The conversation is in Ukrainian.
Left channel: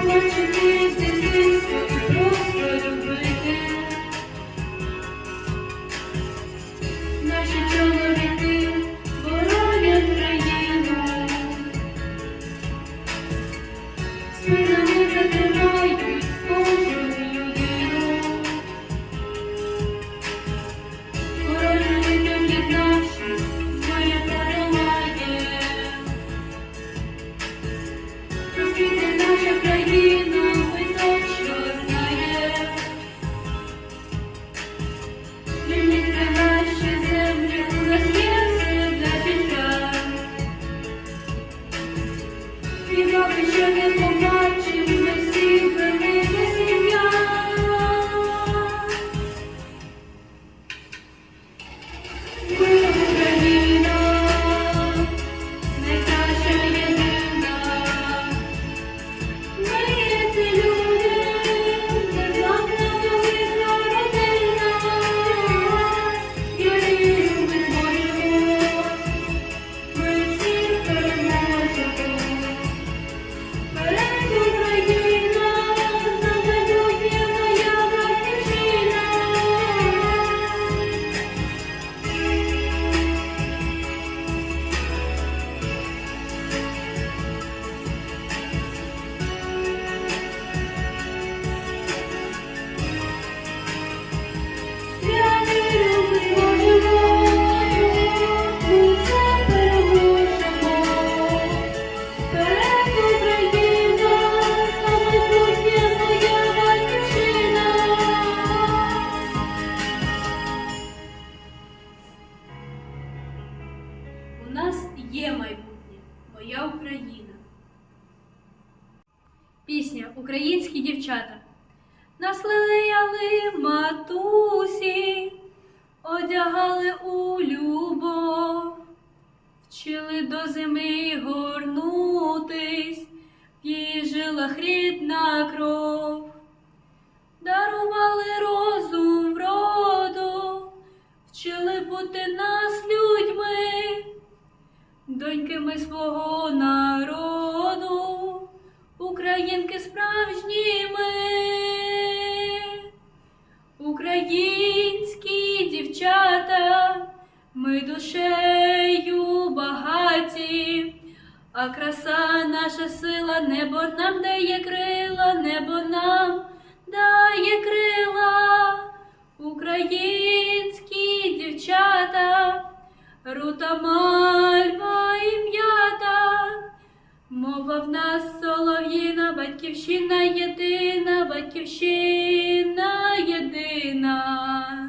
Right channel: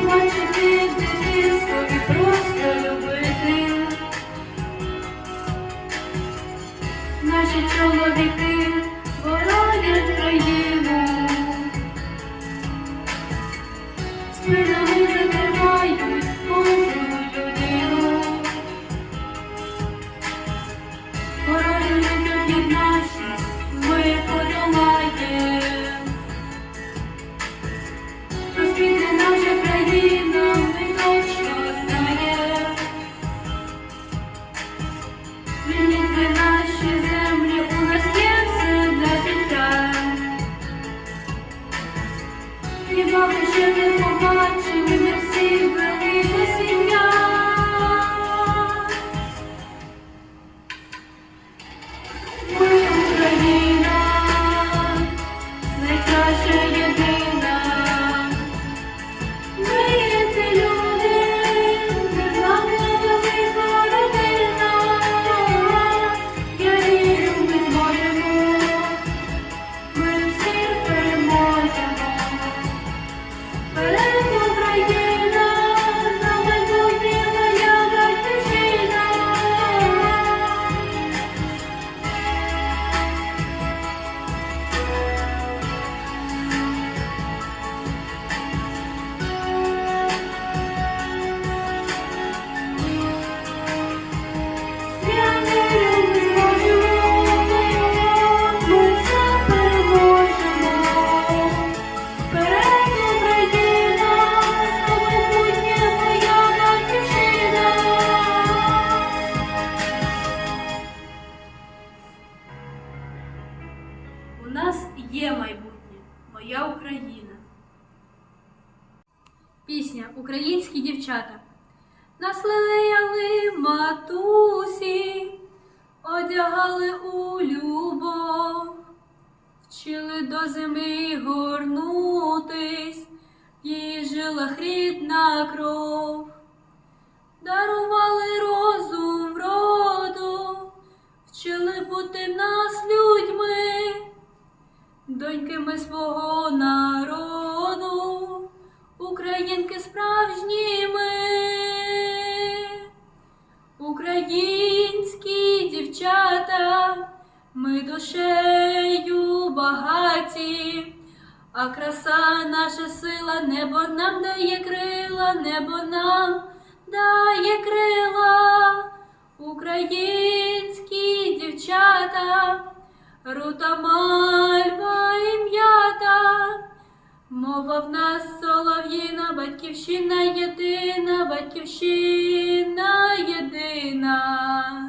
побачити дитинство і просто любити, наші чоловіки. наша країна. Пісня Українські дівчата. Нас лелеяли матусі, одягали у любов, вчили до зими горнутись, в її жилах рідна кров, дарували розум вроду, вчили бути нас людьми, доньками свого народу, українки справжні ми. Українські дівчата, ми душею багаті, а краса наша сила, небо нам дає крила, небо нам дає крила, українські дівчата, рута Мова в нас солов'їна, батьківщина єдина, батьківщина єдина.